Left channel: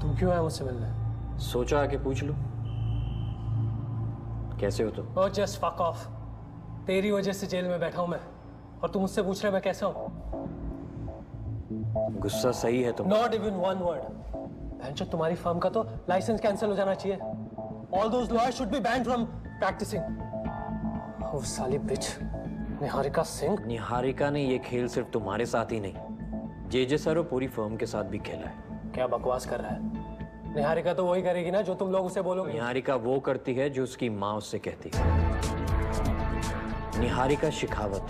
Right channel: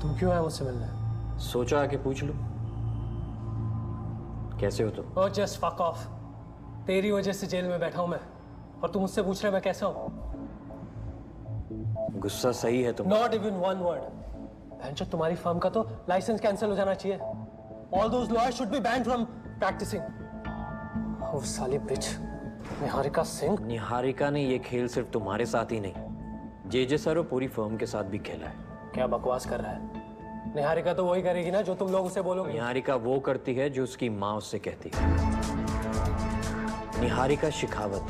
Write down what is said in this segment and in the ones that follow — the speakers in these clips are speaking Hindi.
तू क्यों आया मुझसे मिलने? सोचा आके पूछ लूं कैसे हो तुम? Oh just fuck off. तेरी वजह से जेल में बैठा हूं मैं, और तू मुझसे पूछ रहा है मैं कैसा हूं? गुस्सा सही है तुम? Not even one word. भैंचो, तुम्हारी फर्म का तो लाइसेंस कैंसिल हो जाना चाहिए। All those lawyers should be banned from practising. Oh साली बिच, निहारिका सिंह। निहारिका ने ये खेल सिर्फ तुम्हारे साथ ही नहीं, जे सर और पूरी फर्म के साथ भी खेला है। क्या बकवास कर रहा है? निहारिका तो वही करेगी ना जो तुम लोग उसे बोलोगे। निहारिका वो करती है जो उसकी माँ उससे कहती है। निहारिका शेखावत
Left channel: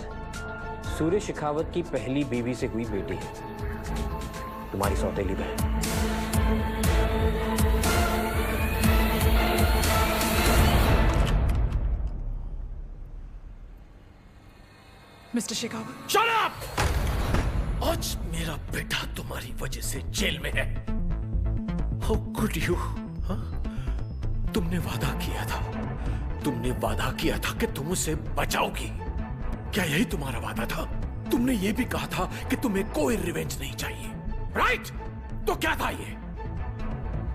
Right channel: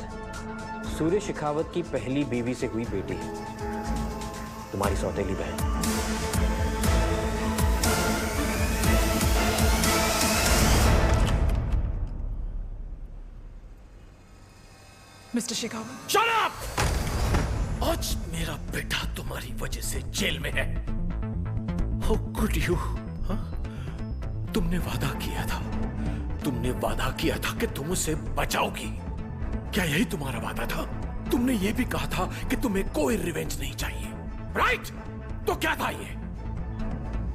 सूर्य शेखावत की पहली बीवी से हुई बेटी है, तुम्हारी सौतेली बहन। मिस्टर शेखावत। Shut up! आज मेरा बेटा तुम्हारी वजह से जेल में है। How could you? तुमने वादा किया था कि तुम उसे बचाओगी। क्या यही तुम्हारा वादा था? तुमने ये भी कहा था कि तुम्हें कोई रिवेंज नहीं चाहिए, राइट? तो क्या था ये?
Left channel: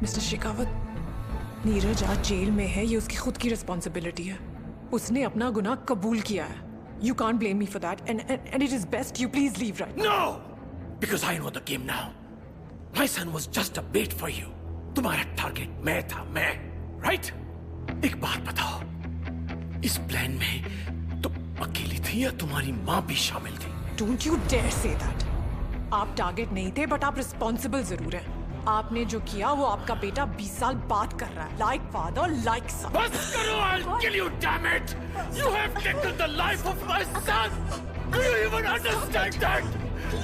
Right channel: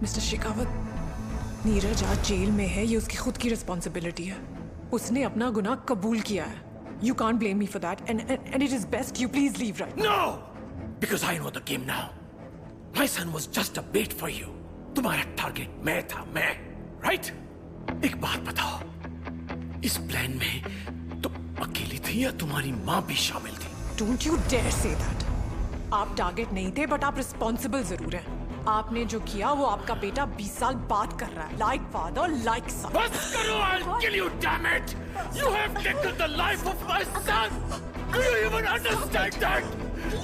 मिस्टर शेखावत, नीरज आज जेल में है, ये उसकी खुद की रिस्पॉन्सिबिलिटी है। उसने अपना गुनाह कबूल किया है। You can't blame me for that, and it is best you please leave right now. No, because I know the game now. My son was just a bait for you. तुम्हारा टारगेट मैं था, राइट? एक बात बताओ, इस प्लान में तुम अकेली थी या तुम्हारी माँ भी शामिल थी? Don't you dare say that. आप टारगेट नहीं थे, बट आप रिस्पॉन्सिबल जरूर हैं। आपने जो किया वो आपका बेटा 20 साल बाद कर रहा है, like father, like son. बस करो, I'll kill you, damn it! You have taken the life of my son. Do you even understand that?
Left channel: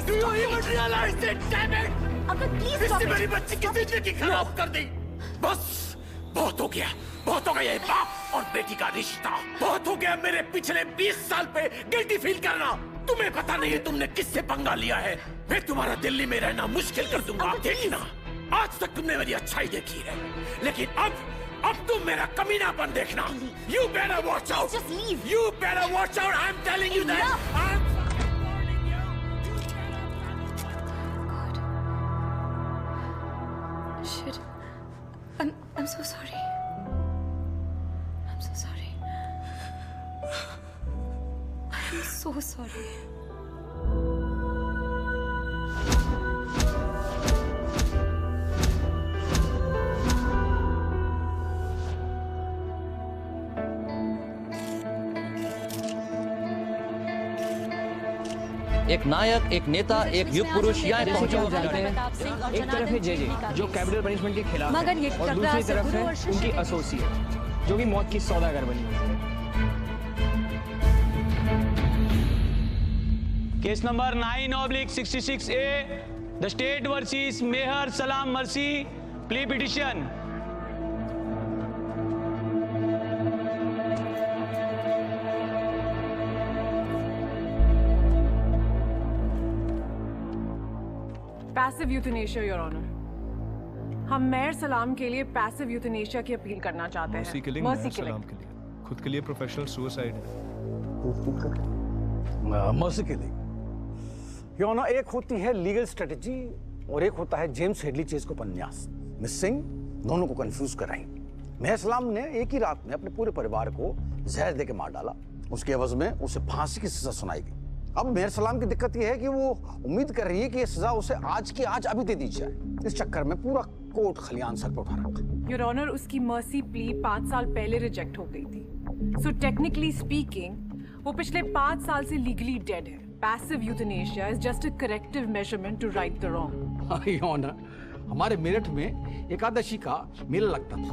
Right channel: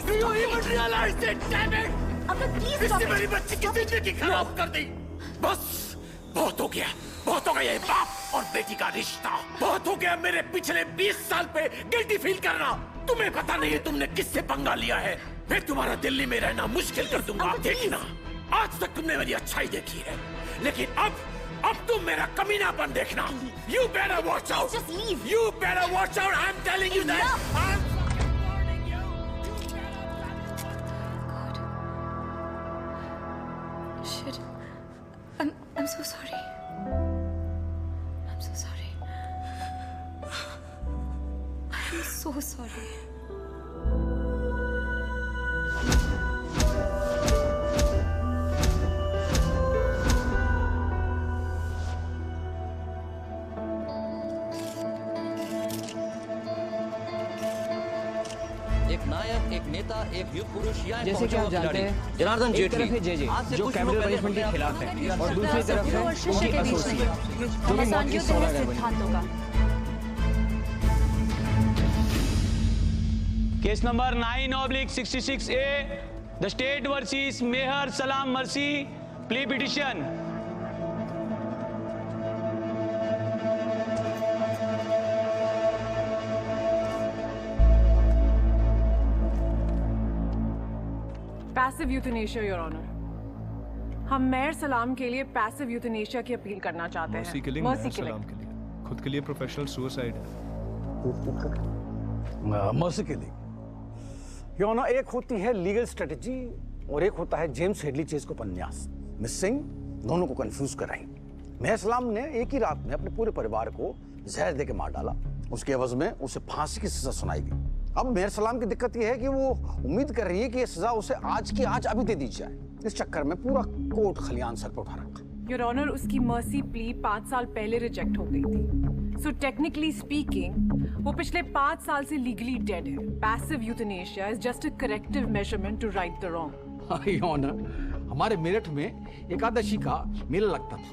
Do you even realize it, damn it? Uncle please इसने मेरी बच्ची की जिंदगी खराब कर दी। बस बहुत हो गया ये बाप और बेटी का रिश्ता। बहुत हो गया मेरे पिछले 20 साल पे गिल्टी फील करना। तुम्हें पता नहीं है तुमने किससे पंगा लिया है। मैं तुम्हारा दिल्ली में रहना मुश्किल कर दूंगा, देखना। आज तक तुमने मेरी अच्छाई देखी है, लेकिन अब तुम मेरा कमीनापन देखना। You better watch out. Just leave. You better watch out. I'm telling you that. I'm fucking warning you. You better. God. Shit. I'm so sorry. I'm so sorry. I'm so sorry. एक नायक, एक नेता, एक युग पुरुष या एक जैसे कि आप जानते हैं, जनार्दन एक तरफ है जे जो कैपिटल पनिशमेंट के खिलाफ है, और दूसरी तरफ है उनकी एसोसिएट जो भी मौत की सौदागर बनी। Case number 9/66A, the state versus Meher Salam mercy, plea petition. Passive euthanasia your honour. हम मेहर सलाम के लिए पैसिव यूथनेशिया की अपील करना चाहते हैं। मर्सी किलिंग मेहर सलाम के लिए, खुद के लिए प्रोफेशनल सुसाइड है। मर्सी किलिंग योर ऑनर, एक होती है लीगल स्ट्रेटजी और एक होता है जेम्स हेडली चेज को उपन्यास। मिस सिंह दोनों को कंफ्यूज कर रही। मेहर सलाम ने एक ही रात में अपने पूरे परिवार को जहर देके मार डाला। उसके एवज में उसे फांसी की सजा सुनाई गई। अब मेहर सलाम की दिक्कत यह है कि वो उम्मीद कर रही है कि ये सजा उसे आज की आज अभी दे दी जाए। इस चक्कर में पूरा कोर्ट खलियान सर पर उठा रखा। योर ऑनर, उसकी मर्सी प्ली 5 साल पहले रिजेक्ट हो गई थी। सो टेक्निकली स्पीकिंग वो पिछले 5 साल से लीगली डेड है। Passive euthanasia is just a corrective measurement to right the wrong. Your honour, हमारे मेरठ में एकादशी का मेला लगता था।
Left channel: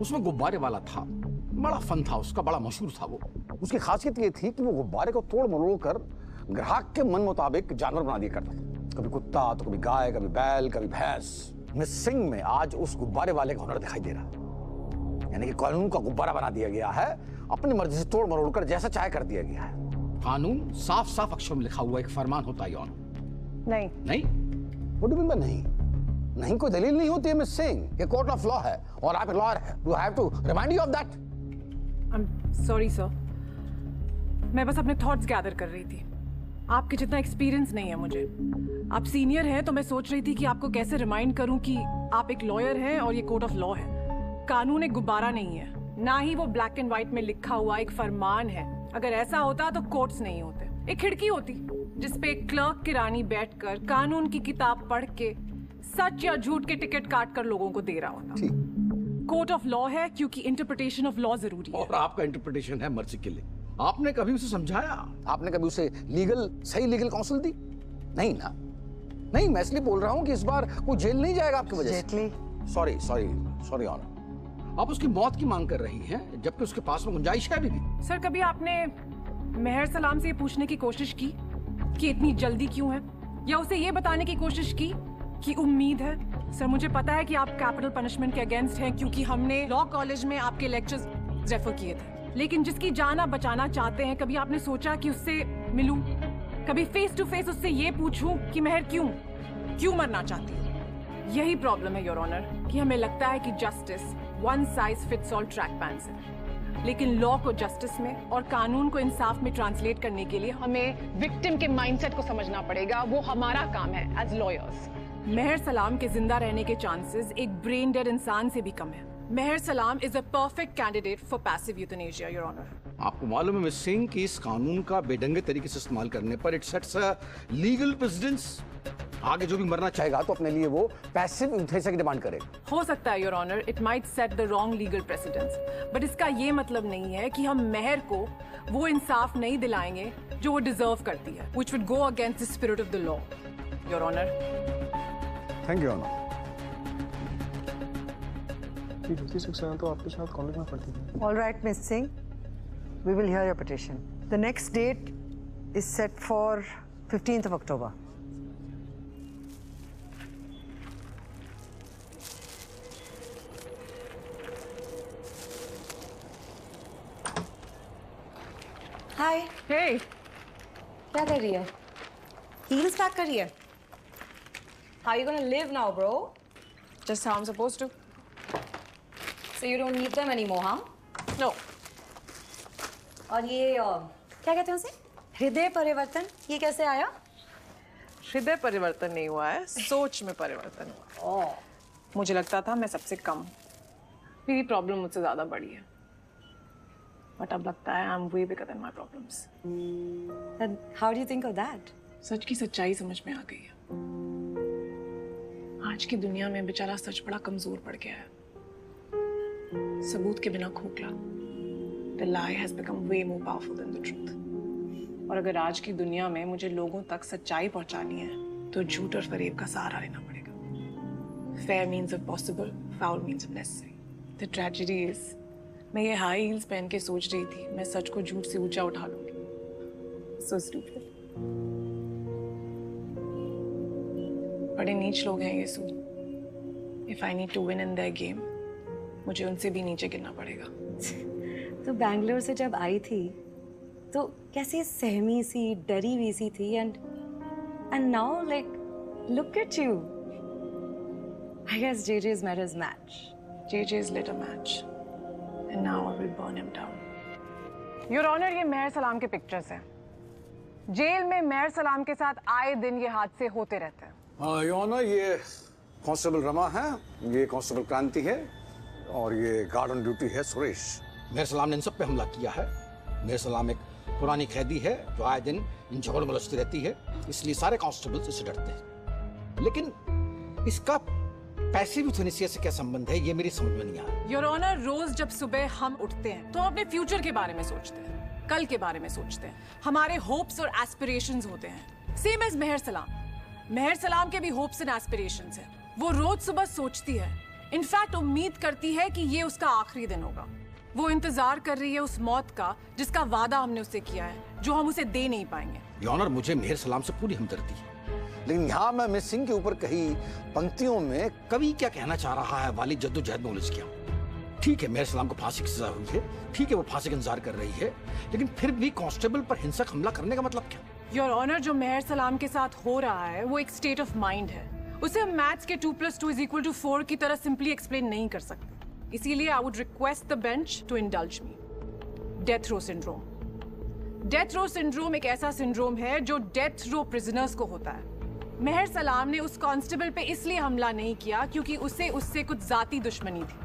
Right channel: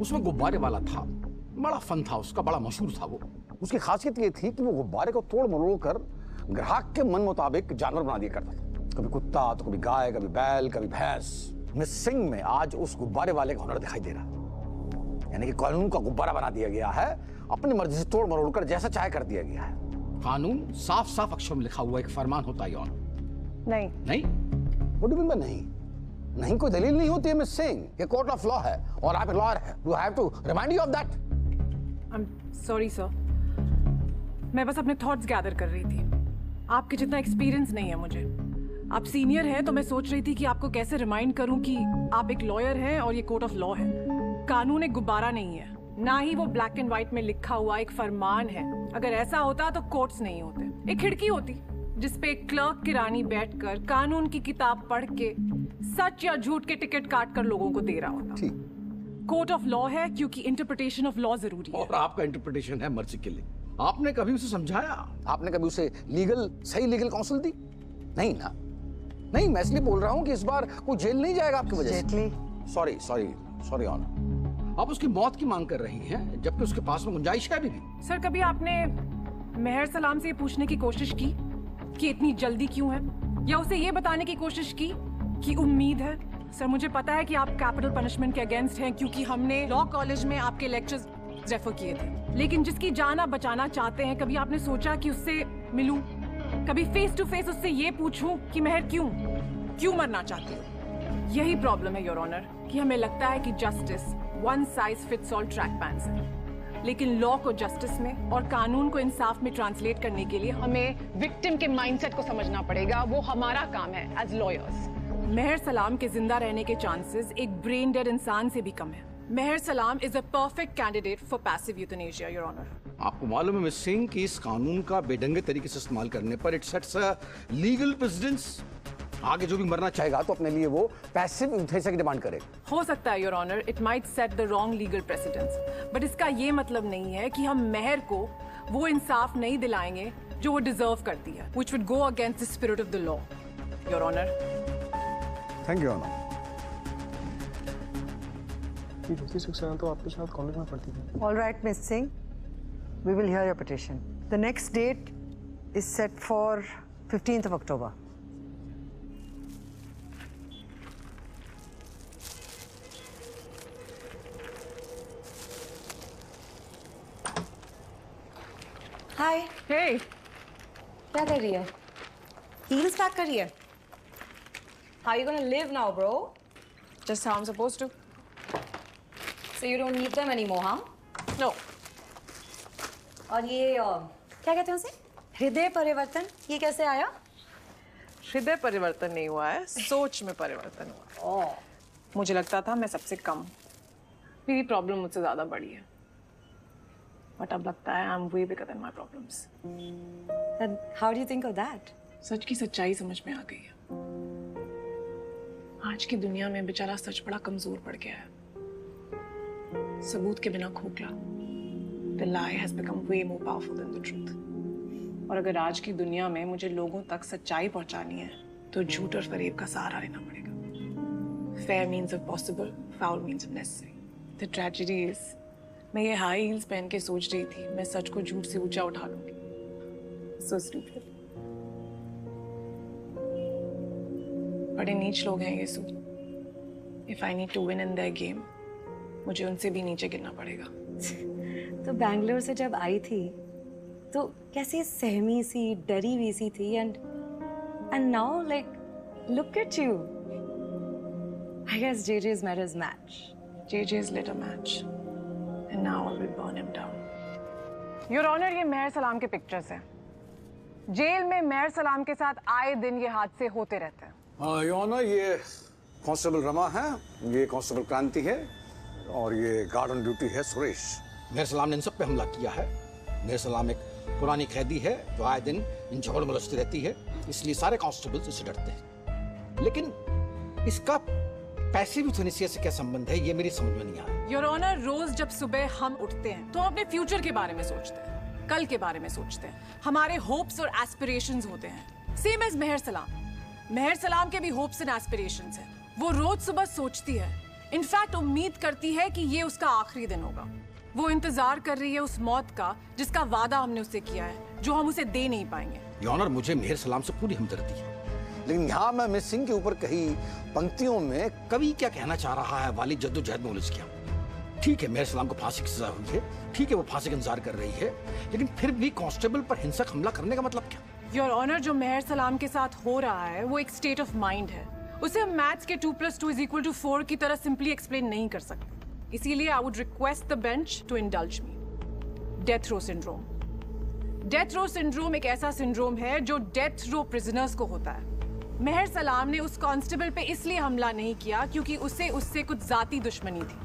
उसमें गुब्बारे वाला था, बड़ा फन था उसका, बड़ा मशहूर था वो। उसकी खासियत ये थी कि वो गुब्बारे को तोड़ मरोड़ कर ग्राहक के मन मुताबिक जानवर बना दिया करता था। कभी कुत्ता तो कभी गाय, कभी बैल, कभी भैंस। मिस सिंह में आज उस गुब्बारे वाले का हुनर दिखाई दे रहा है। यानी कि कानून का गुब्बारा बना दिया गया है, अपनी मर्जी से तोड़ मरोड़ कर जैसा चाहे कर दिया गया है। कानून साफ साफ अक्षर में लिखा हुआ एक फरमान होता है। नहीं नहीं, what do you mean by नहीं? नहीं कोई दलील नहीं होती है मिस सिंह। ये कोर्ट ऑफ लॉ है और आप एक लॉयर है। Do have to remind you of that? I am sorry sir, मैं बस अपने थॉट्स गैदर कर रही थी। आपके जितना एक्सपीरियंस नहीं है मुझे। आप सीनियर हैं तो मैं सोच रही थी कि आपको कैसे रिमाइंड करूं कि आप एक लॉयर हैं और ये कोर्ट ऑफ लॉ है। कानून एक गुब्बारा नहीं है, ना ही वो ब्लैक एंड व्हाइट में लिखा हुआ एक फरमान है। अगर ऐसा होता तो कोर्ट्स नहीं होते, एक खिड़की होती जिसपे एक क्लर्क की रानी बैठकर कानून की किताब पढ़ के सच या झूठ के टिकट काट कर लोगों को दे रहा होता। कोर्ट ऑफ लॉ है क्योंकि इंटरप्रिटेशन ऑफ लॉ जरूरी है। और आपका इंटरप्रिटेशन है मर्सी के लिए। आपने कभी उसे समझाया? आपने कभी उसे सही लीगल काउंसिल दी? नहीं ना। नहीं, मैं इसलिए बोल रहा हूँ कि इस बार कोई जेल नहीं जाएगा आपकी वजह से। Sorry honour. आप उसकी मौत की मांग कर रही हैं जबकि उसके पास में गुंजाइश है अभी भी। सर, कभी आपने मेहर सलाम से ये पूछने की कोशिश की कि इतनी जल्दी क्यों है, या उसे ये बताने की कोशिश की कि उम्मीद है? सर, मुझे पता है कि आप कैपिटल पनिशमेंट के अगेंस्ट हैं क्योंकि हमने लॉ कॉलेज में आपके लेक्चर्स रेफर किए थे, लेकिन जिसकी जान आप बचाना चाहते हैं, कभी आपने सोचा कि उससे मिलूं, कभी फेस टू फेस उससे ये पूछूं कि मेहर क्यों मरना चाहती हो? यही प्रॉब्लम है योर ऑनर कि हमें लगता है कि justice one size fits all track pants है, लेकिन लॉ को जस्टिस में और कानून को इंसाफ में ट्रांसलेट करने के लिए हमें विक्टिम के माइंडसेट को समझना पड़ेगा। वो हमारा काम है एज लॉयर्स। मेहर सलाम के जिंदा रहने के चांसेस एक ब्रेन डेड इंसान से भी कम है। Mehar Salam is a perfect candidate for passive euthanasia your honour. आपको मालूम है मिस सिंह कि इस कानून का बेढंगे तरीके से इस्तेमाल करने पर it sets a legal precedence. आगे जो भी मरना चाहेगा तो अपने लिए वो पैसिव यूथनेशिया की डिमांड करेगा। हो सकता है your honour, it might set the wrong legal precedence, but इसका ये मतलब नहीं है कि हम मेहर को वो इंसाफ नहीं दिलाएंगे जो वो डिजर्व करती है, which would go against the spirit of the law your honour. Thank you honour. Jyoti Saxena तो आपके साथ कॉलेज में पढ़ती थी। All right, Miss Singh, we will hear your petition. The next date is set for 15th of October. Hi, Hey, क्या कर रही है? Heels पैक कर रही है? How are you gonna live now, bro? just how I'm supposed to. So you don't need them anymore, huh? No. और ये क्या कहते हैं उसे? हृदय परिवर्तन, ये कैसे आया? हृदय परिवर्तन नहीं हुआ है, सोच में परिवर्तन हुआ। मुझे लगता था मैं सबसे कम, मेरी प्रॉब्लम मुझसे ज्यादा बड़ी है, बट अब लगता है I am way bigger than my problems. Then how do you think of that? सच की सच्चाई समझ में आ गई है। आज की दुनिया में बेचारा सच बड़ा कमजोर पड़ गया है, सबूत के बिना खोखला। The lie has become way more powerful than the truth. और अगर आज की दुनिया में मुझे लोगों तक सच्चाई पहुंचानी है तो झूठ और फरेब का सहारा लेना पड़ेगा। Fair means of possible, foul means of necessary. The tragedy is, मैं ये हाई हील्स पहन के सोच रही थी मैं सच को झूठ से ऊंचा उठा लूंगी। So stupid. बड़े नीच लोग हैं ये सू। If I need to win in their game, मुझे उनसे भी नीचे गिरना पड़ेगा। तो बैंगलोर से जब आई थी तो कैसी सहमी सी, डरी हुई सी थी, and now like look at you. I guess JJ's met his match. JJ's lit a match, and now I will burn him down. Your Honor, ये मेहर सलाम के पिक्चर्स हैं। जेल में मेहर सलाम के साथ आए दिन ये हादसे होते रहते हैं। योर ऑनर, ये कांस्टेबल रमा है, ये कांस्टेबल क्रांति है, और ये गार्ड ऑन ड्यूटी है सुरेश। मेहर सलाम ने इन सब पे हमला किया है। मेहर सलाम एक पुरानी कैदी है जो आए दिन इन झगड़ मलचती रहती है, इसलिए सारे कांस्टेबल्स इससे डरते हैं। लेकिन इसका पैसिव यूथनेशिया से क्या संबंध है, ये मेरी समझ में नहीं आया। योर ऑनर, रोज जब सुबह हम उठते हैं तो हम अपने फ्यूचर के बारे में सोचते हैं, कल के बारे में सोचते हैं, हमारे होप्स और एस्पिरेशंस होते हैं। सेम एज मेहर सलाम। मेहर सलाम के भी होप्स एंड एस्पिरेशंस हैं। वो रोज सुबह सोचती है, इनफैक्ट उम्मीद करती है कि ये उसका आखिरी दिन होगा। वो इंतजार कर रही है उस मौत का जिसका वादा हमने उससे किया है, जो हम उसे दे नहीं पाएंगे। योर ऑनर, मुझे मेहर सलाम से पूरी हमदर्दी है, लेकिन यहाँ मैं मिस सिंह के ऊपर कही पंक्तियों में कवि क्या कहना चाह रहा है वाली जद्दोजहद में उलझ गया। ठीक है, मेहर सलाम को फांसी की सजा हुई है, ठीक है वो फांसी का इंतजार कर रही है, लेकिन फिर भी कांस्टेबल पर हिंसक हमला करने का मतलब क्या? योर ऑनर, जो मेहर सलाम के साथ हो रहा है वो एक स्टेट ऑफ माइंड है। उसे हम मैथ्स के 2+2 = 4 की तरह सिंपली एक्सप्लेन नहीं कर सकते। इसीलिए I would request the bench to indulge me. Death row syndrome. Death row syndrome एक ऐसा सिंड्रोम है जो डेथ रो प्रिजनर्स को होता है। मेहर सलाम ने उस कांस्टेबल पे इसलिए हमला नहीं किया क्योंकि उससे कुछ जाती दुश्मनी थी,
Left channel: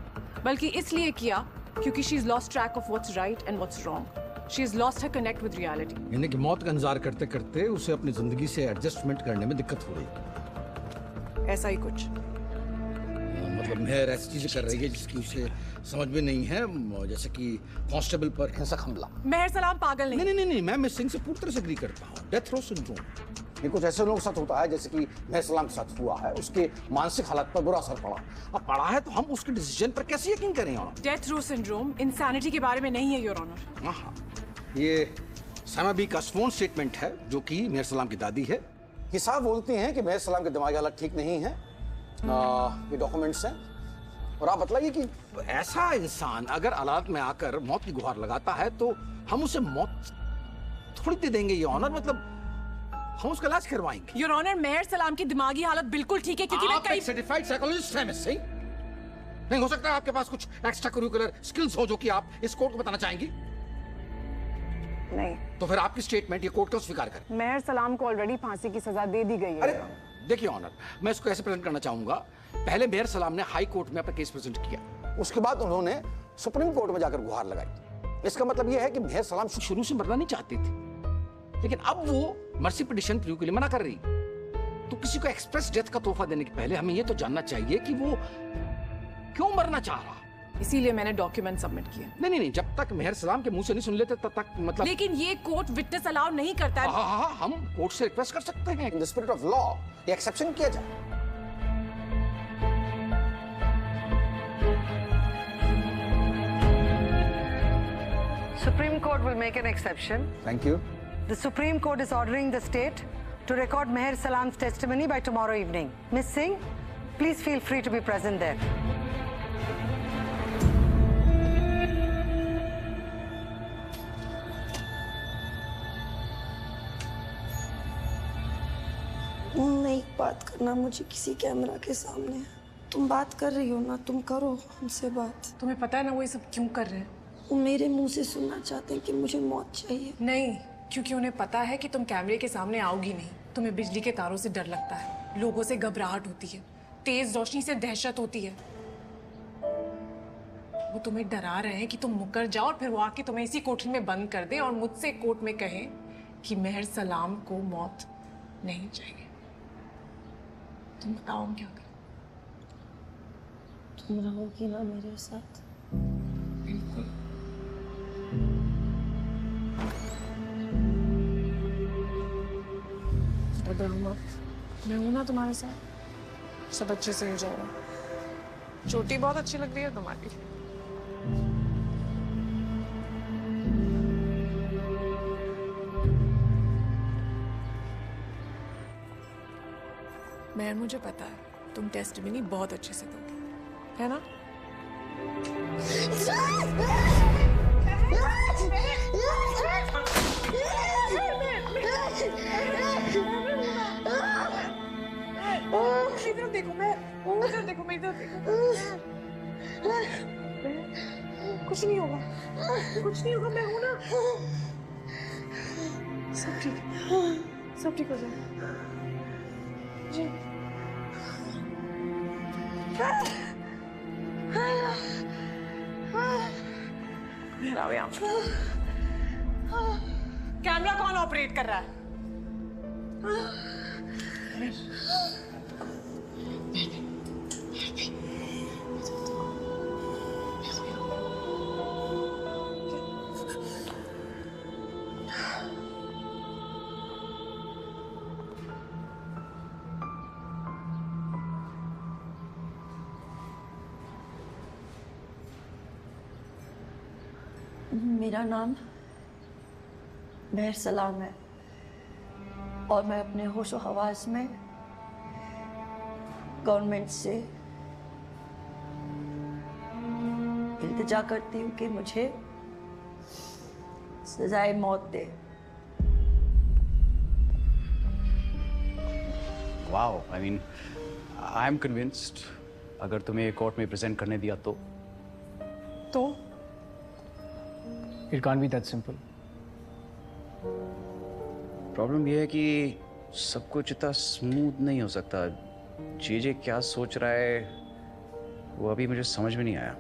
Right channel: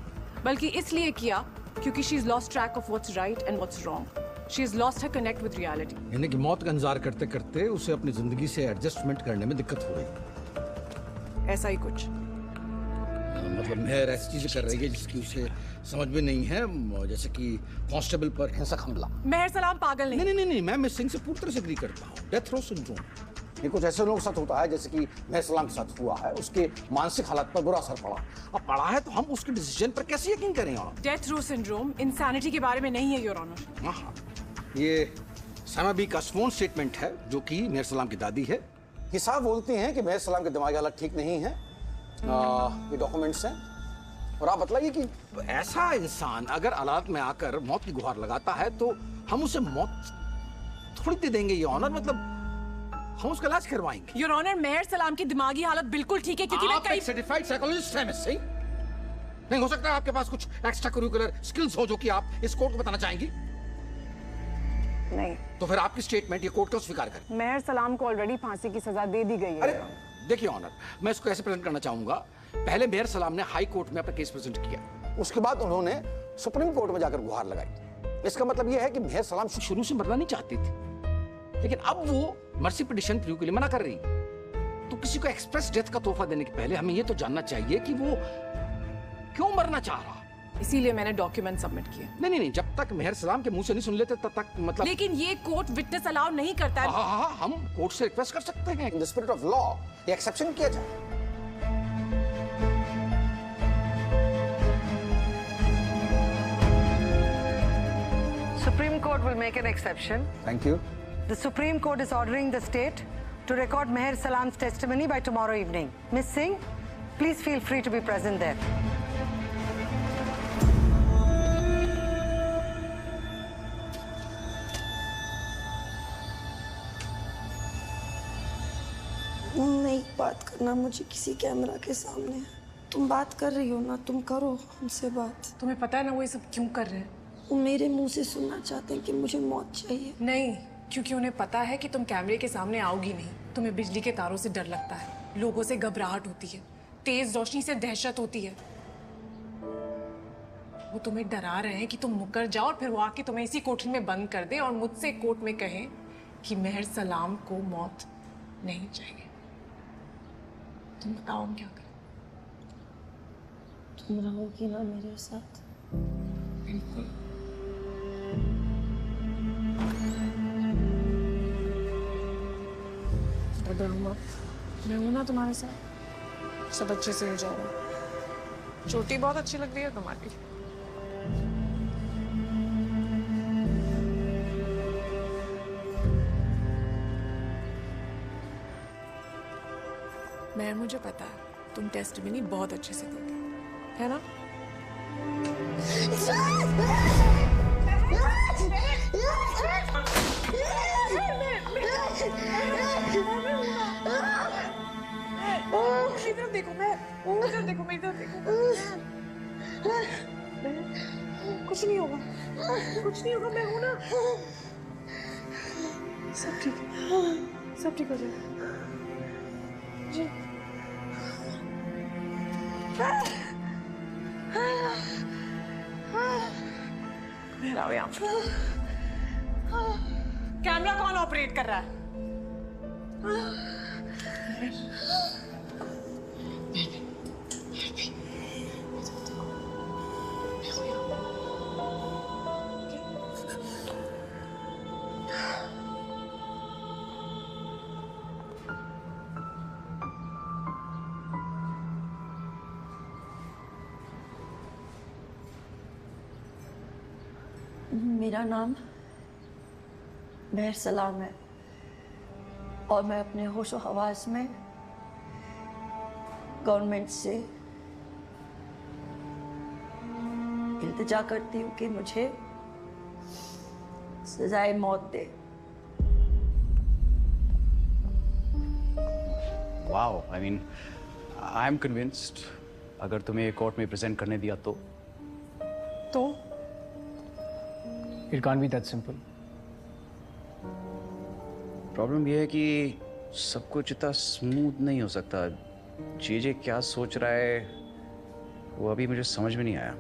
बल्कि इसलिए किया क्योंकि she is lost track of what's right and what's wrong. She is lost her connect with reality. यानी कि मौत का इंतजार करते करते उसे अपनी जिंदगी से एडजस्टमेंट करने में दिक्कत हो रही। ऐसा ही कुछ। मतलब मेहर ऐसी चीजें कर रही है जिसकी उसे समझ में नहीं है, जैसे कि कांस्टेबल पर हिंसक हमला। मेहर सलाम पागल नहीं। नहीं, मैं मिस सिंह से पूरी तरह से एग्री करता हूँ। डेथ रो सिंड्रोम ये कुछ ऐसे लोगों के साथ होता है जैसे कि मेहर सलाम के साथ हुआ है, उसके मानसिक हालत पर बुरा असर पड़ा। अब पड़ा है तो हम उसके डिसीजन पर कैसे यकीन करें? डेथ रो सिंड्रोम इंसानिटी के बारे में नहीं है योर ऑनर। हाँ, ये सामा का स्worn स्टेटमेंट है जो कि मेहर सलाम की दादी है। ये साहब बोलती हैं कि मेहर सलाम की दिमागी हालत ठीक नहीं है। ये डॉक्यूमेंट्स हैं। और आप बतलाइए कि ऐसा इंसान अगर अदालत में आकर मौत की गुहार लगाता है तो हम उसे मौत थोड़ी दे देंगे ये ऑनर, मतलब हम उसका इलाज करवाएंगे। योर ऑनर, मेहर सलाम की दिमागी हालत बिल्कुल ठीक है क्योंकि मैं कई सर्टिफाइड साइकोलॉजिस्ट हैं मिस सिंह। नहीं हो सकता आपके पास कुछ एक्स्ट्रा करिकुलर स्किल्स हो जो कि आप इस कोर्ट को बताना चाहेंगी? नहीं। तो फिर आपकी स्टेटमेंट ये कोर्ट को स्वीकार करे। मेहर सलाम को ऑलरेडी फांसी की सजा दे दी गई है। अरे देखिए ऑनर, मैं इसको ऐसे प्रेजेंट करना चाहूंगा। पहले मेहर सलाम ने हाई कोर्ट में अपना केस प्रेजेंट किया, उसके बाद उन्होंने सुप्रीम कोर्ट में जाकर गुहार लगाई। इसका मतलब यह है कि मेहर सलाम शुरू से मरना नहीं चाहती थी, लेकिन अब वो मर्सी पिटीशन प्रू के लिए मना कर रही। तो किसी को एक्सप्रेस डेथ का तोहफा देने के पहले हमें ये तो जानना चाहिए कि वो क्यों मरना चाह रहा। इसीलिए मैंने डॉक्यूमेंट सबमिट किए। नहीं, जब तक मेहर सलाम के मुंह से नहीं सुन लेते तब तक मतलब। लेकिन ये कोर्ट विटनेस अलाउ नहीं करता है। हाँ, हम कोर्ट से रिक्वेस्ट कर सकते हैं in the spirit of law ये एक्सेप्शन किया जाए। Supreme Court will make an exception. Thank you. The Supreme Court is ordering the state to record Meher Salam's testimony by tomorrow evening. Miss Singh, please feel free to be present there. नहीं बात करना मुझे किसी कैमरा के सामने। तुम बात कर रही हो ना, तुम करो उनसे बात। तुम्हें पता है ना वो ये सब क्यों कर रहे हैं? वो मेरे मुंह से सुनना चाहते हैं कि मुझे मौत चाहिए। नहीं, क्योंकि उन्हें पता है कि तुम कैमरे के सामने आओगी नहीं। तुम्हें बिजली के तारों से डर लगता है, लोगों से घबराहट होती है, तेज रोशनी से दहशत होती है। वो तुम्हें डरा रहे हैं कि तुम मुकर जाओ और फिर वो आके तुम्हें इसी कोठरी में बंद कर दे और मुझसे कोर्ट में कहे कि मेहर सलाम को मौत नहीं चाहिए। तुम बताओ हम क्या करें? तुम रहोगी ना मेरे साथ? बिल्कुल। मैं हूं ना तुम्हारे साथ, सब अच्छे से हो जाएगा। चोटी बहुत अच्छी लग रही है तुम्हारी। मैं मुझे पता है तुम टेस्टिमनी बहुत अच्छे से दोगी, है ना? इधर देखो, मैं इधर देखो, मैं इधर देखो। कुछ नहीं होगा, कुछ नहीं होगा, मैं हूं ना। सब ठीक है, सब ठीक हो जाएगा जी। यहाँ कैमरा कौन ऑपरेट कर रहा है? मेरा नाम मेहर सलाम है और मैं अपने होशो हवास में गवर्नमेंट से इल्तिजा करती हूँ कि मुझे सजाए मौत दे। Wow, I mean I am convinced. अगर तुम्हें कोर्ट में प्रेजेंट करने दिया तो It can't be that simple. Problem ये है कि सब कुछ इतना स्मूथ नहीं हो सकता। जे क्या सोच रहा है वो अभी मुझे समझ में नहीं आया।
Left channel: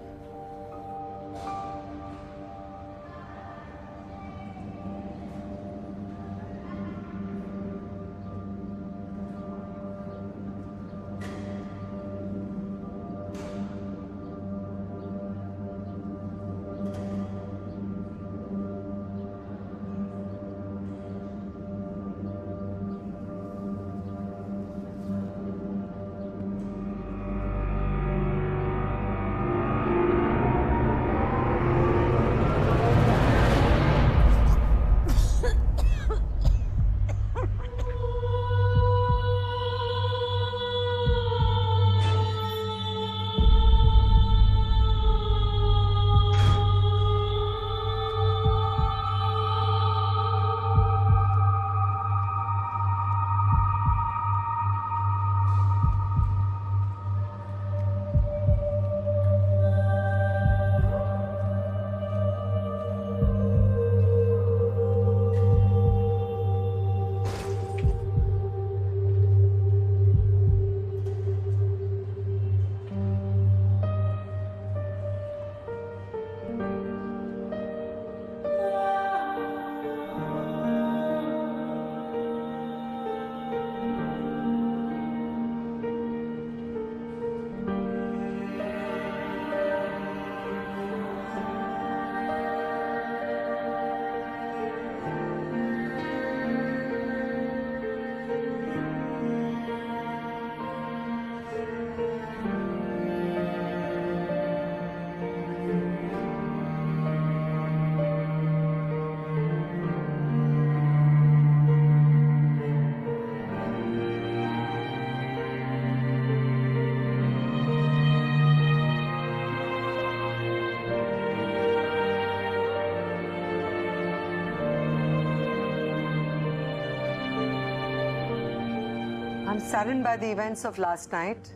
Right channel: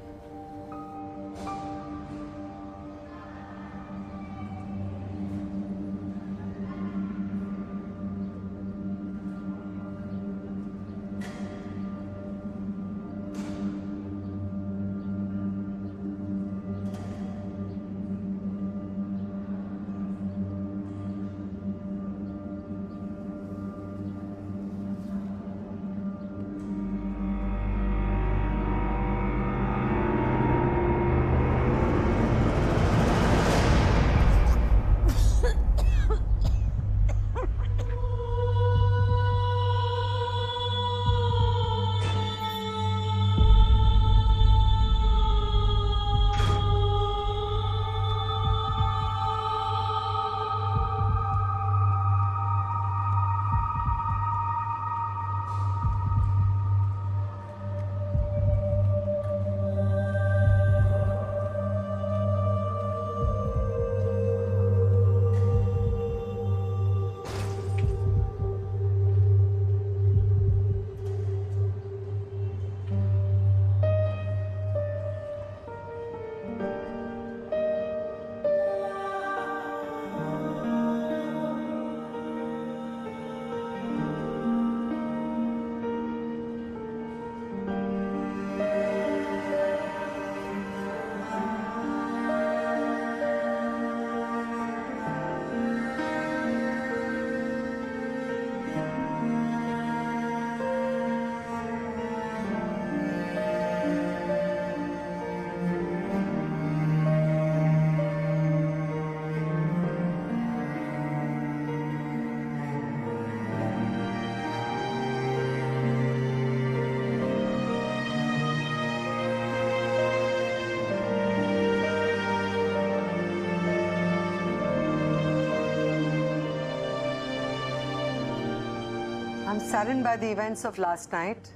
I'm saddened by the events of last night.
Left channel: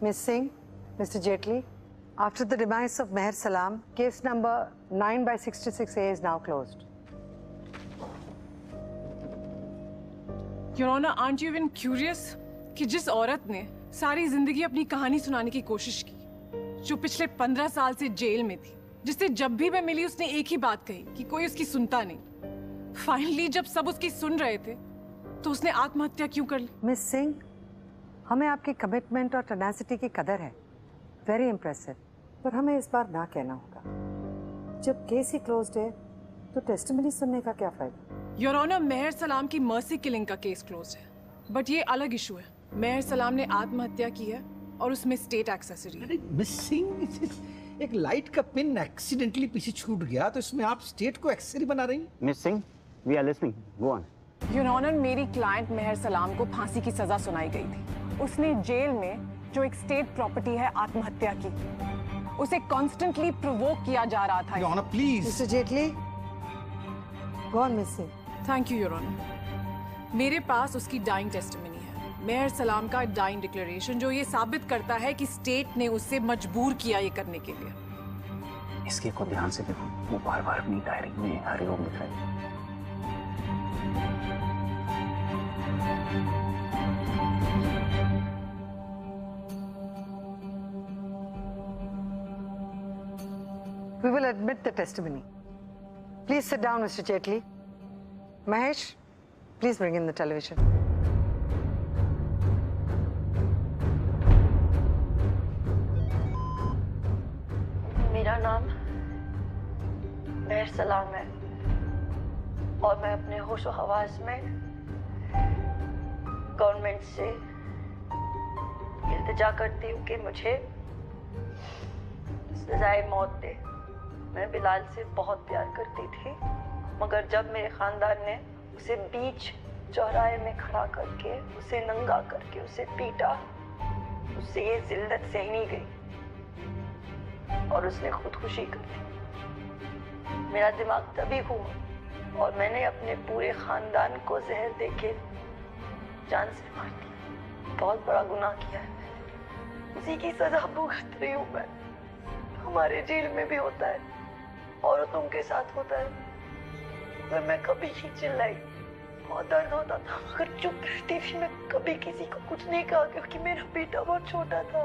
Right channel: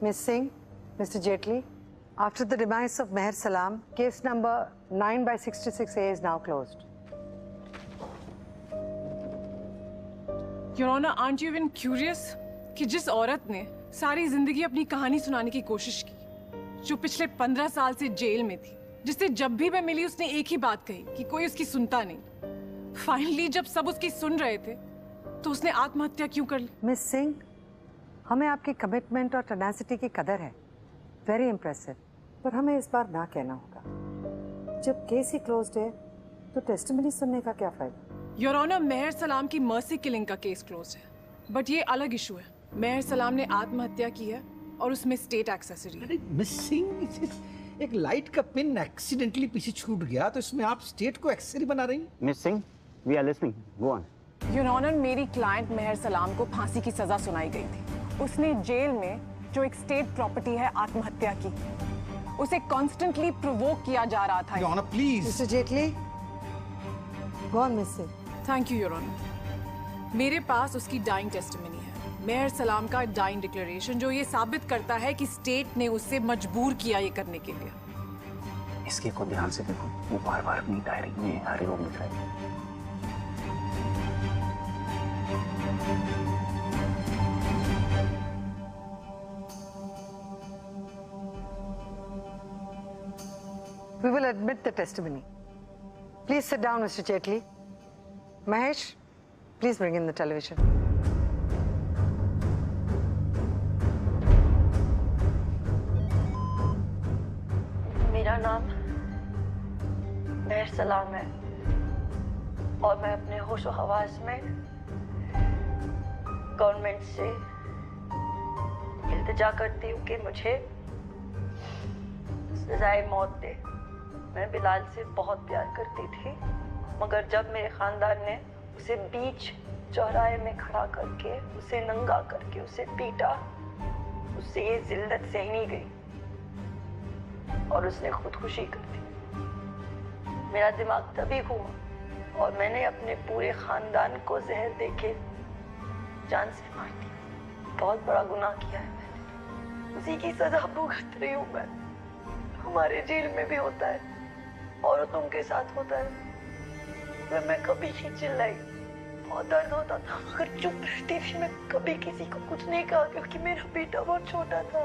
Ms. Singh, Mr. Jaitley, after the demise of Meher Salam, case number 9/66A is now closed. Your Honor, aren't you even curious कि जिस औरत ने सारी जिंदगी अपनी कहानी सुनाने की कोशिश की, जो पिछले 15 साल से जेल में थी, जिससे जब भी मैं मिली उसने एक ही बात कही कि कोई उसकी सुनता नहीं। फाइनली जब सब उसकी सुन रहे थे तो उसने आत्महत्या क्यों कर ली? मिस सिंह, हमें आपकी कमिटमेंट और टेनासिटी की कदर है, वेरी इम्प्रेसिव, पर हमें इस बार ना कहना होगा। जब केस ही क्लोज्ड है तो टेस्टिमनी सुनने का क्या फायदा? योर ऑनर, मेहर सलाम की मर्सी किलिंग का केस क्लोज है, बट ये अलग इशू है। मेहर सलाम ने आत्महत्या की है और उसमें स्टेट एक्सेसरी है। मिस सिंह, एक लाइट का पिन एक्सीडेंटली पीछे छूट गया तो इसमें आप स्टेट को एक्सेसरी बना रही हैं? Miss Singh, we are listening, go on. Your honour, मेरी क्लाइंट मेहर सलाम को फांसी की सजा सुनाई गई थी। उसने जेल में जो एक स्टेट प्रॉपर्टी है आत्महत्या की, उसे कॉन्स्टेंटली प्रोवोक किया जा रहा था। Your honour please. Mister Jaitley, go on miss Singh. Thank you your honour. मेरे पास उसकी डाइंग टेस्टिमनी है, मेहर सलाम का डाइंग डिक्लेरेशन, जो ये साबित करता है कि स्टेट ने उससे मजबूर किया ये करने के लिए। इसके को ध्यान से देखो, वो बार-बार अपनी डायरी में हरिओम लिख रहा है। We will admit the testimony. Please sit down, Mr. Jaitley. Mahesh, please bring in the television. मेरा नाम मेहर सलाम है और मैं अपने होशो हवास में गवर्नमेंट से इल्तिजा करती हूँ कि मुझे सजाए मौत दे। मैं बिलाल से बहुत प्यार करती थी, मगर जब मेरे खानदान ने उसे बीच चौराहे में खड़ा करके, उसे नंगा करके उसे पीटा, उससे ये जिल्लत सहनी गई और उसने खुदकुशी कर ली। मेरा दिमाग तभी घूमा और मैंने अपने पूरे खानदान को जहर देके जान से मार दिया। बहुत बड़ा गुनाह किया है मैंने, उसी की सजा भुगत रही हूँ मैं। हमारे जेल में भी होता है, औरतों के साथ होता है। मैं कभी नहीं चिल्लाई, बहुत दर्द होता था मगर चुप रहती थी। मैं कभी किसी को कुछ नहीं कहा क्योंकि मेरा बेटा बहुत छोटा था।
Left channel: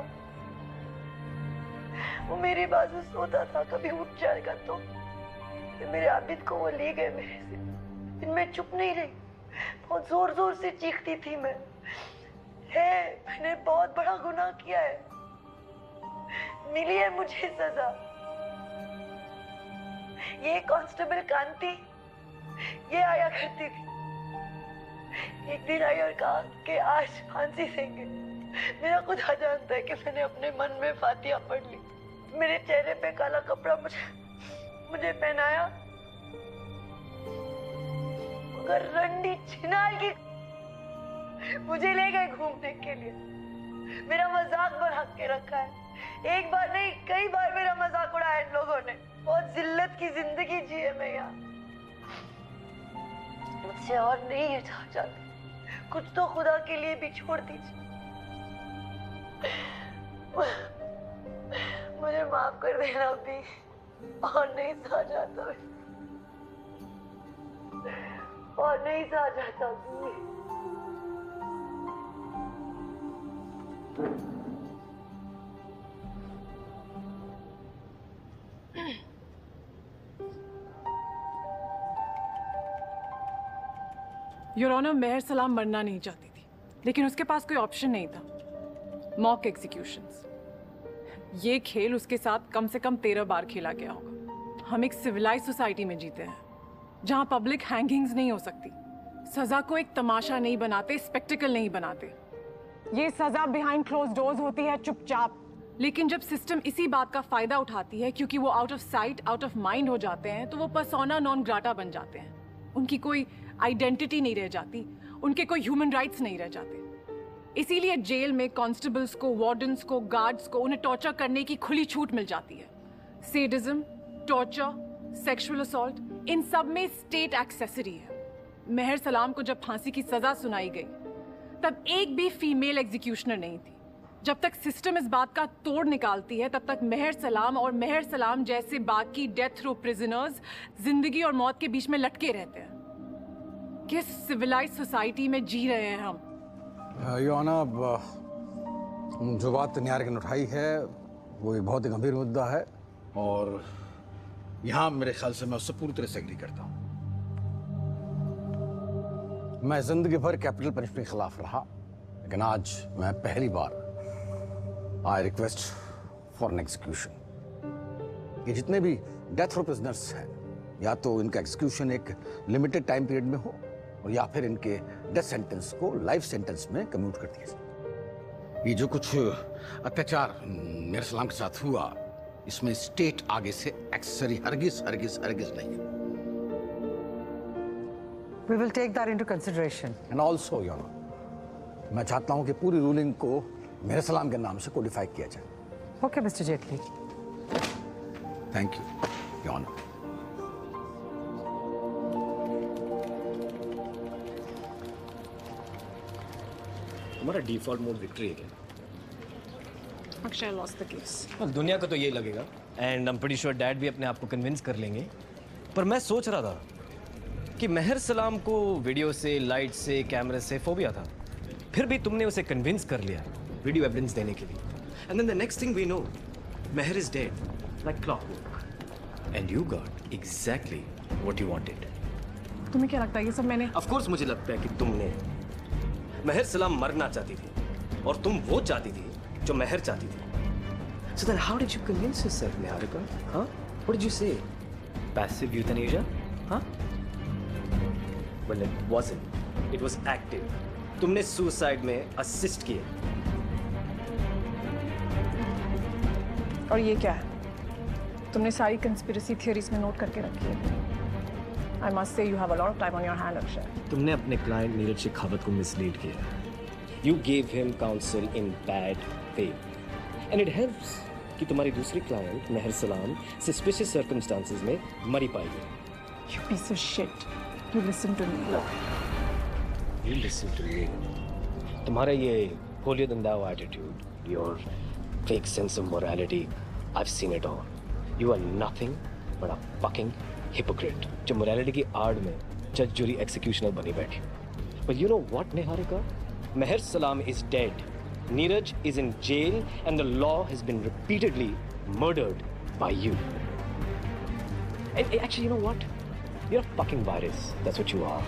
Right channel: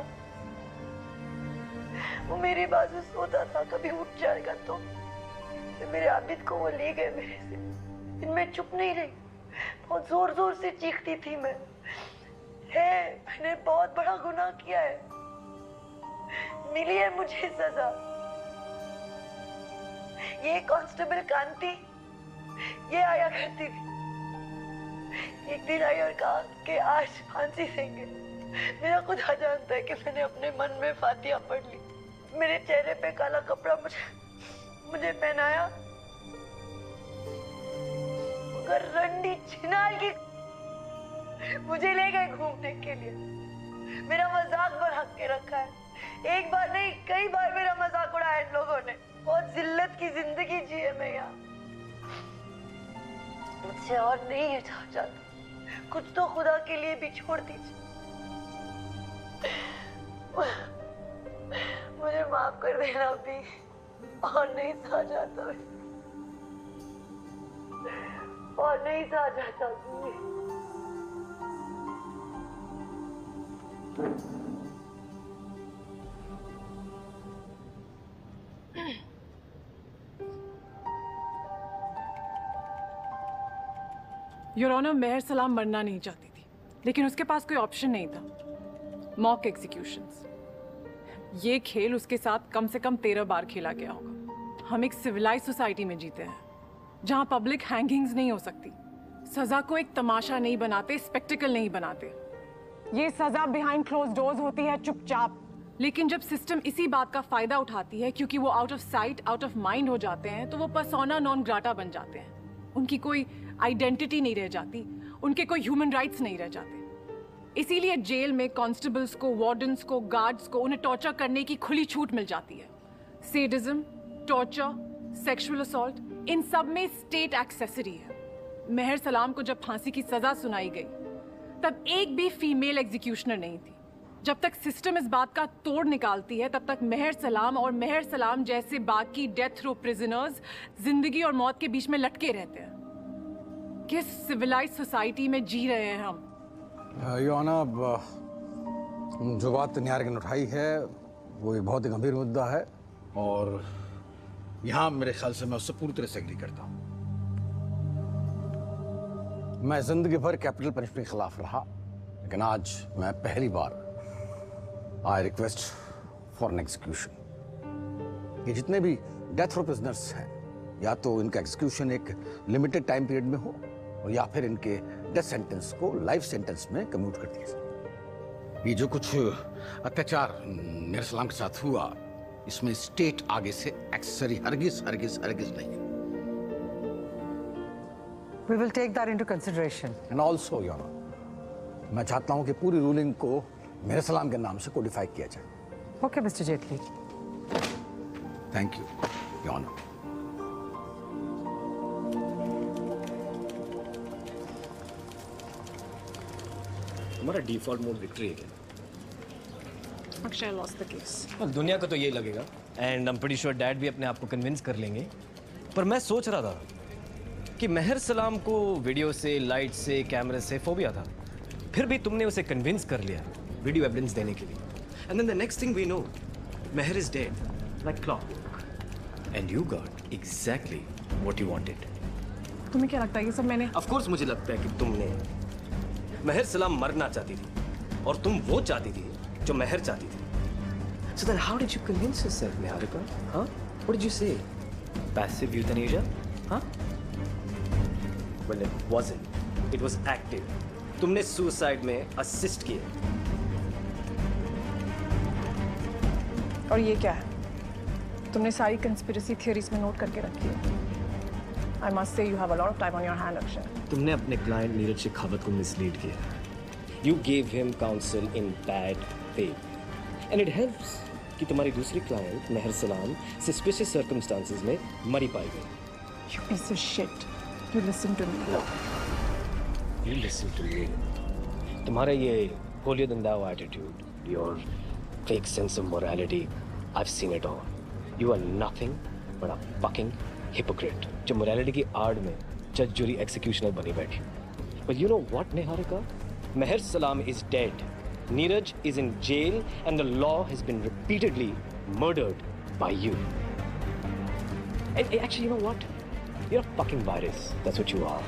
वो मेरे बाजू सोता था, कभी उठ जाएगा तो। फिर मेरे आबिद को वो ले गए मेरे से। फिर मैं चुप नहीं रही, बहुत जोर जोर से चीखती थी मैं। मैंने बहुत बड़ा गुनाह किया है, मिली है मुझे सजा। ये कांस्टेबल कांति ये आया करती थी। एक दिन आई और कहा कि आज फांसी देंगे। मेरा खुदा जानता है कि मैंने अपने मन में फातिहा पढ़ ली। मेरे चेहरे पे काला कपड़ा मुझे पहनाया, मगर रंडी छिनाल की मुझे ले गए घूमने के लिए। मेरा मजाक बना के रखा है। एक बार नहीं कई बार मेरा मजाक उड़ाया इन लोगों ने। बहुत जिल्लत की जिंदगी जी है मैं यहाँ। मुझसे और नहीं है चाचा, कुछ तो खुदा के लिए भी छोड़ दीजिए। मुझे माफ कर देना भी, और नहीं सहा जाता, और नहीं सहा जाता भी। योर ऑनर, मेहर सलाम मरना नहीं चाहती थी, लेकिन उसके पास कोई ऑप्शन नहीं था। मॉक एग्जीक्यूशंस, ये खेल उसके साथ कम से कम 13 बार खेला गया होगा। हम एक सिविलाइज सोसाइटी में जीते हैं, जहां पब्लिक हैंगिंग्स नहीं हो सकती। सजा को एक तमाशा नहीं बनाते, स्पेक्टिकल नहीं बनाते। ये सजा बिहाइंड क्लोज डोर्स होती है, चुपचाप। लेकिन जब सिस्टम इसी बात का फायदा उठाती है क्योंकि वो out of sight out of mind हो जाते हैं, तो वो पर्सोना नॉन ग्राटा बन जाते हैं। उनकी कोई आइडेंटिटी नहीं रह जाती, उनके कोई ह्यूमन राइट्स नहीं रह जाते। इसीलिए जेल में कांस्टेबल्स को, वार्डन्स को, गार्ड्स को उन्हें टॉर्चर करने की खुली छूट मिल जाती है। सेडिज्म, टॉर्चर, सेक्सुअल असॉल्ट, इन सब में स्टेट एक्सेसरी है। मेहर सलाम को जब फांसी की सजा सुनाई गई तब एक भी फीमेल एग्जीक्यूशनर नहीं थी। जब तक सिस्टम इस बात का तोड़ निकालती है तब तक मेहर सलाम और मेहर सलाम जैसे बाकी डेथ रो प्रिजनर्स जिंदगी और मौत के बीच में लटके रहते हैं। किस सिविलाइज सोसाइटी में जी रहे हैं हम? योना, जो बात न्यायालय ने उठाई है वो एक बहुत ही गंभीर मुद्दा है, और यहाँ मेरे ख्याल से मैं उससे पूरी तरह से एग्री करता हूँ। मैं जिंदगी भर कैपिटल पनिशमेंट के खिलाफ रहा, लेकिन आज मैं पहली बार I request for an execution. ये जितने भी डेथ रो प्रिजनर्स हैं, या तो इनका एग्जीक्यूशन एक लिमिटेड टाइम पीरियड में हो, और या फिर इनके डेथ सेंटेंस को लाइफ सेंटेंस में कम्यूट कर दिया जाए। ये जो कुछ अत्याचार मेहर सलाम के साथ हुआ, इसमें स्टेट आगे से एक्सेसरी हरगिज हरगिज हरगिज नहीं है। We will take that into consideration. And also, Your Honor, मैं चाहता हूं कि पूरी रूलिंग को मेहर सलाम के नाम से कोडिफाई किया जाए। Okay, Mr. Jetli. Thank you, Your Honor. हमारा डिफॉल्ट मोड विक्ट्री है क्या? Akshay lost the case. दुनिया को तो यही लगेगा, and I am pretty sure dad भी अपने आप को कन्विंस कर लेंगे। पर मैं सोच रहा था कि मेहर सलाम को वीडियो से, लाइट से, कैमरे से फोबिया था, फिर भी तुमने उसे कन्विंस कर लिया वीडियो एविडेंस देने के लिए। And then the next thing we know, Mehar is dead like clockwork, and you got exactly what you wanted. तुम्हें क्या लगता है ये सब मैंने? ऑफ कोर्स मुझे लगता है कि तुमने। मेहर सलाम मरना चाहती थी, और तुम वो चाहती थी जो मेहर चाहती थी। So then how did you convince yourself, Niharika? Huh? What did you say? Passive euthanasia? Huh? Well, it wasn't. It was active. तुमने suicide में assist किया। और ये क्या है? तुमने सारी conspiracy theories में नोट करके रखी है। I must say you have a lot of time on your hand, Akshay. तुमने अपने क्लाइंट नीरज शेखावत को मिसलीड किया। You gave him counsel in bad faith, and it helps कि तुम्हारी दूसरी क्लाइंट मेहर सलाम suspicious circumstances में मरी पाई गई। You piece of shit. You listen to me. No. You listen to me. तुम्हारा ये holier than thou attitude, your fake sense of morality, I've seen it all. You are nothing but a fucking hypocrite, जो morality की आड़ में जज जुरी एग्जीक्यूशनर बनी बैठी। But you know what, Niharika? Meher Salam is dead. Neeraj is in jail and the law has been repeatedly murdered by you. And actually, you know what? You're a fucking virus. That's what you are.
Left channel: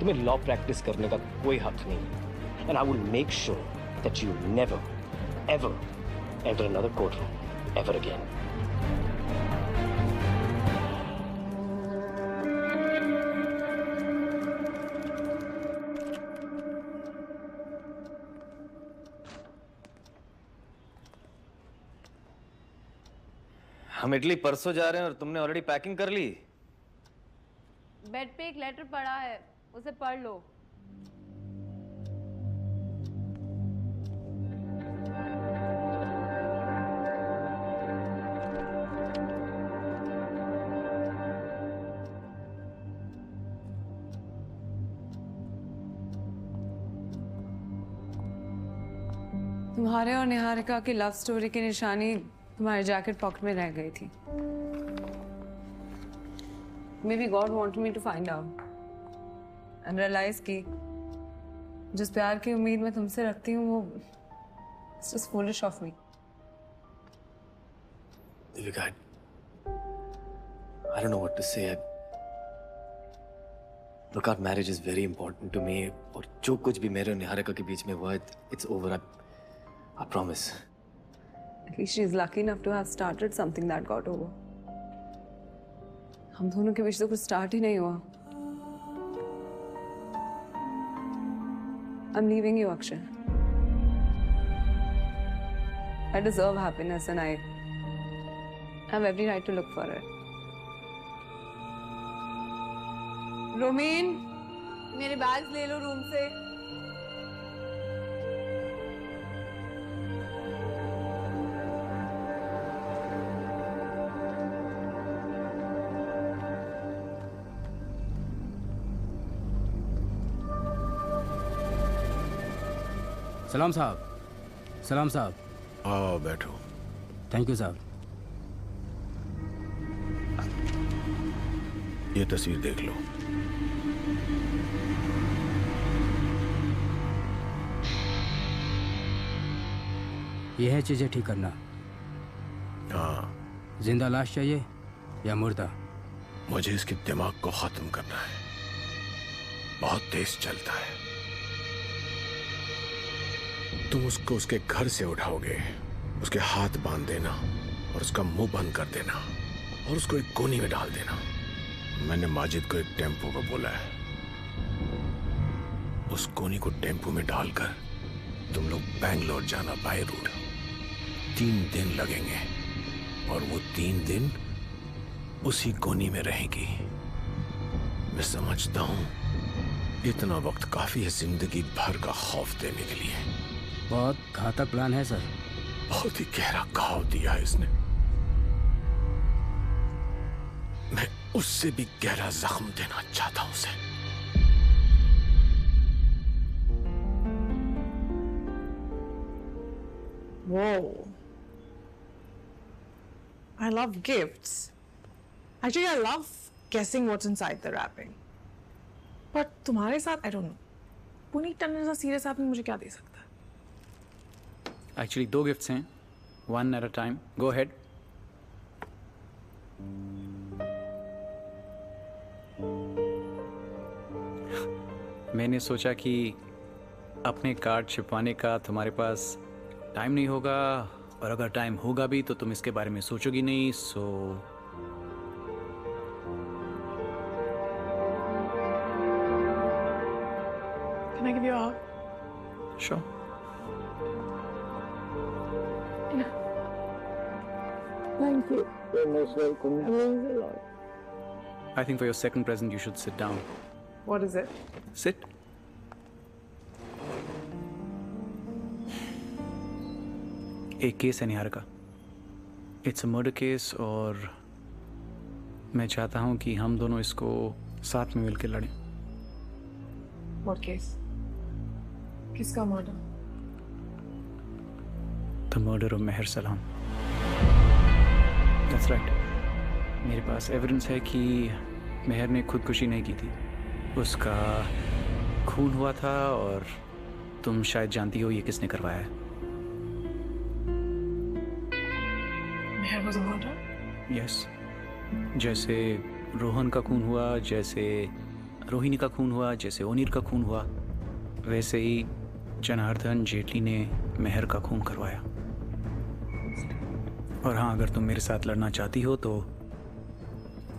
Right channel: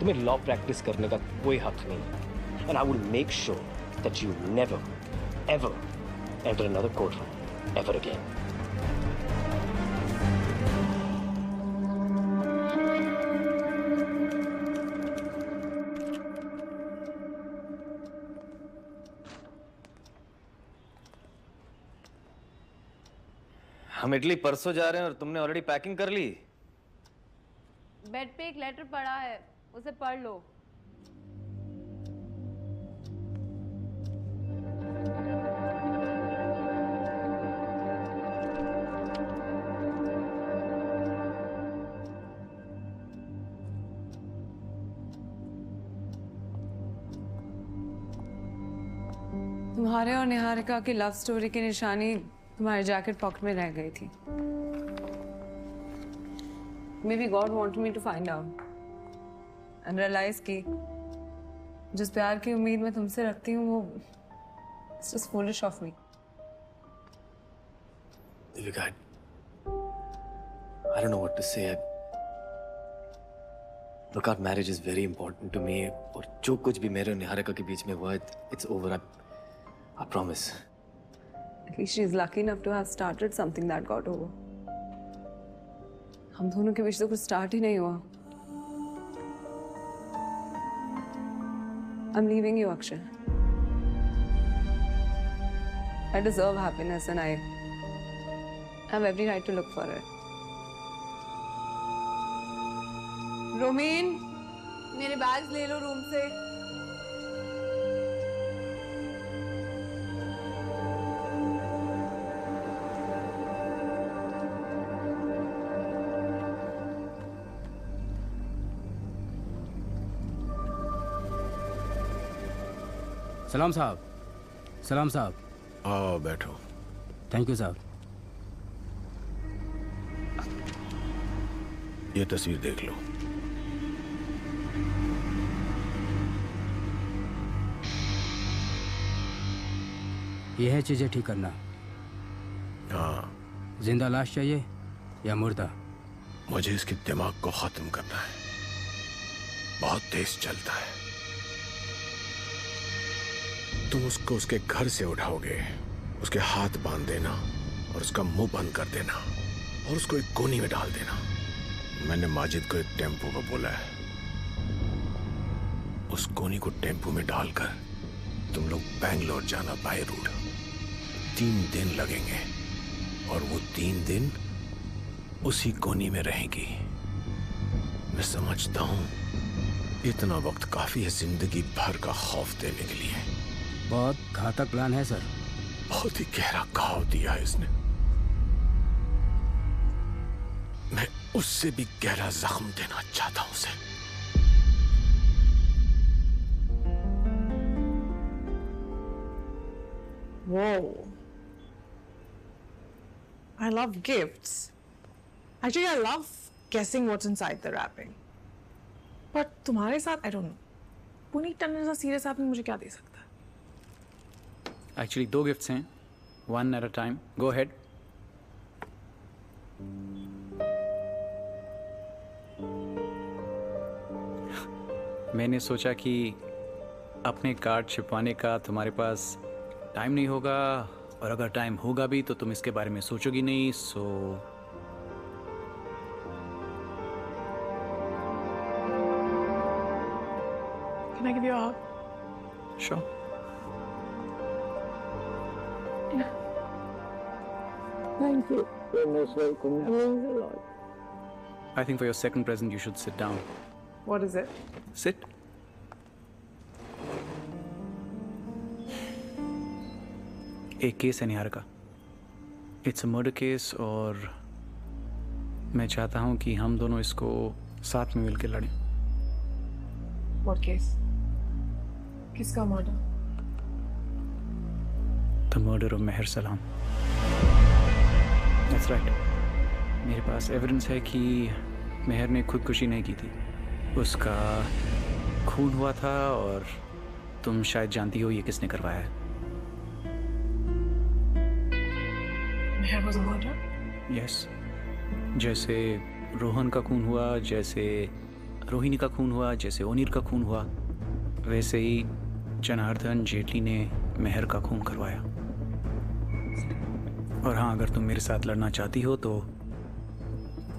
तुम्हें law practice करने का कोई हक नहीं। And I will make sure that you never, ever enter another courtroom ever again. हम इटली परसों जा रहे हैं और तुमने ऑलरेडी पैकिंग कर ली। बेड पे एक लेटर पड़ा है, उसे पढ़ लो। तुम्हारे और निहारिका की लव स्टोरी की निशानी तुम्हारे जैकेट पॉकेट में रह गई थी। Maybe God wanted me to find out and realize कि जिस प्यार की उम्मीद मैं तुमसे रखती हूँ वो it's just foolish of me. Devika, I don't know what to say. Look, our marriage is very important to me. और जो कुछ भी मेरे और निहारिका के बीच में हुआ, it's over. I promise. At least she is lucky enough to have started something that got over. हम दोनों के बीच तो कुछ स्टार्ट ही नहीं हुआ। I'm leaving you, Akshay. I deserve happiness and I have every right to look for it. रोमीन, मेरे बैग्स ले लो रूम से। सलाम साहब। सलाम साहब। आओ बैठो। थैंक यू साहब। ये तस्वीर देख लो। ये है चीजें ठीक करना। हाँ। जिंदा लाश चाहिए या मुर्दा? मुझे इसके दिमाग को खत्म करना है। बहुत तेज चलता है। तुम उसको उसके घर से उठाओगे, उसके हाथ बांध देना और उसका मुंह बंद कर देना और उसको एक कोनी में डाल देना। मैंने माजिद को एक टेम्पो को बोला है। उस कोनी को टेम्पो में डालकर तुम लोग बैंगलोर जाना बाय रोड। 3 दिन लगेंगे और वो 3 दिन उसी कोनी में रहेगी। मैं समझता हूं इतना वक्त काफी है जिंदगी भर का खौफ देने के लिए। बहुत घातक प्लान है सर। बहुत ही गहरा घाव दिया है इसने। मैं उससे भी गहरा जख्म देना चाहता हूं उसे। Whoa. I love gifts. Actually, I love guessing what's inside the wrapping. But तुम्हारे साथ, I don't know. Puneet Tandon जैसा सीरियस आदमी मुझे क्या दे सकता है? Actually, 2 गिफ्ट्स हैं, 1 at a time. Go ahead. मैंने सोचा कि अपने कार्ड छिपवाने का तुम्हारे पास टाइम नहीं होगा और अगर टाइम होगा भी तो तुम इसके बारे में सोचोगी नहीं, सो Can I give you a hug? Sure. Yeah. Thank you. You're most welcome. That means a lot. I think for your second present you should sit down. What is it? Sit. एक केस है Niharika. It's a murder case और मैं चाहता हूं कि हम दोनों इसको साथ में मिलकर लड़ें। What case? किसका मर्डर? The murder of मेहर सलाम। That's right. मेरे पास एविडेंस है कि मेहर ने खुदकुशी नहीं की थी। उसका खून हुआ था और तुम शायद जानती हो ये किसने करवाया है। मेहर was murdered? यस, जैसे रोहन का खून हुआ, जैसे रोहिणी का खून हुआ, जैसे ओनीर का खून हुआ, वैसे ही जनार्दन जेटली ने मेहर का खून करवाया। और हाँ, अगर तुम मेरे साथ लड़ना चाहती हो तो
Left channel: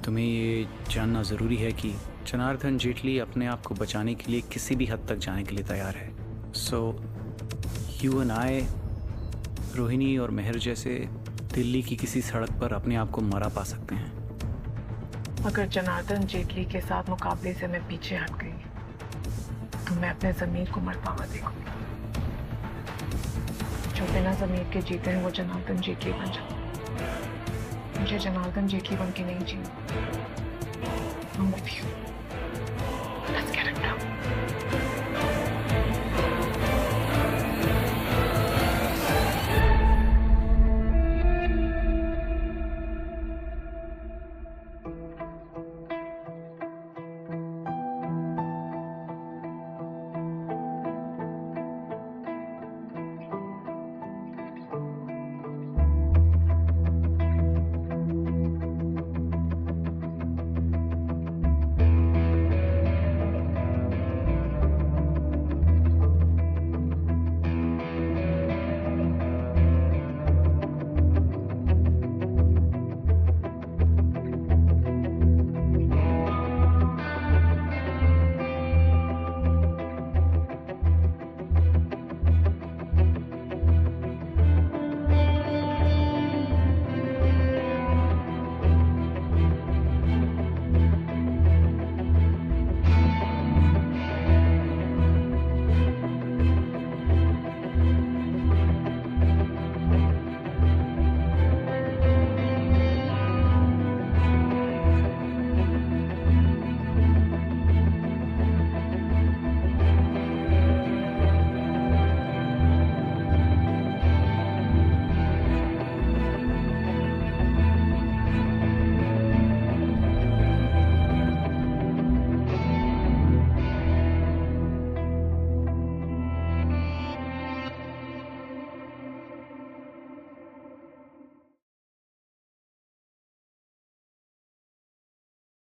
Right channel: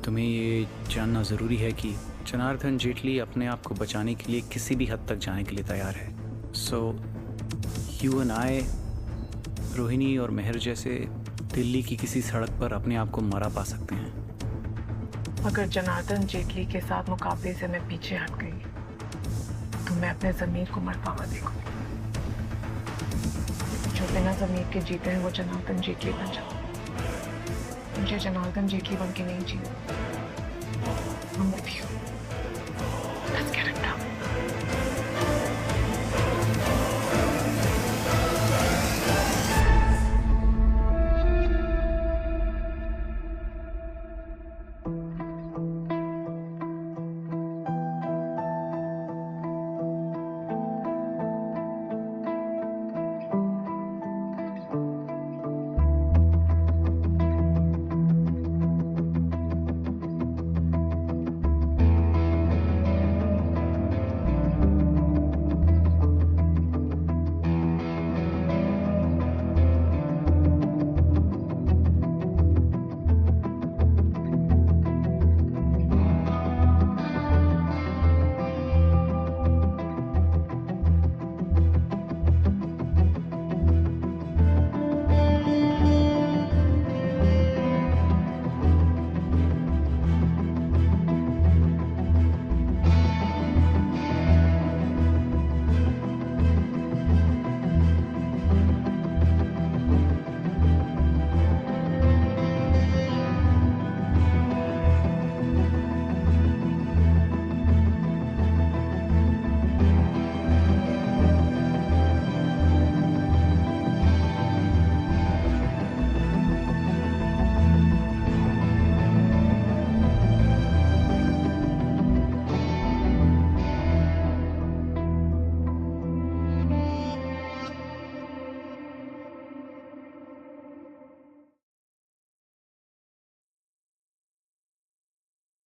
तुम्हें ये जानना ज़रूरी है कि जनार्दन जेटली अपने आप को बचाने के लिए किसी भी हद तक जाने के लिए तैयार है। So you and I, Rohini और मेहर जैसे दिल्ली की किसी सड़क पर अपने आप को मरा पा सकते हैं। अगर जनार्दन जेटली के साथ मुकाबले से मैं पीछे हट गई तो मैं अपने ज़मीर को मरता हुआ देखूंगी। जो बिना ज़मीर के जीते हैं वो जनार्दन जेटली बन जाते। मुझे जनार्दन जेटली बन के नहीं जीना। I'm with you. Let's get it done.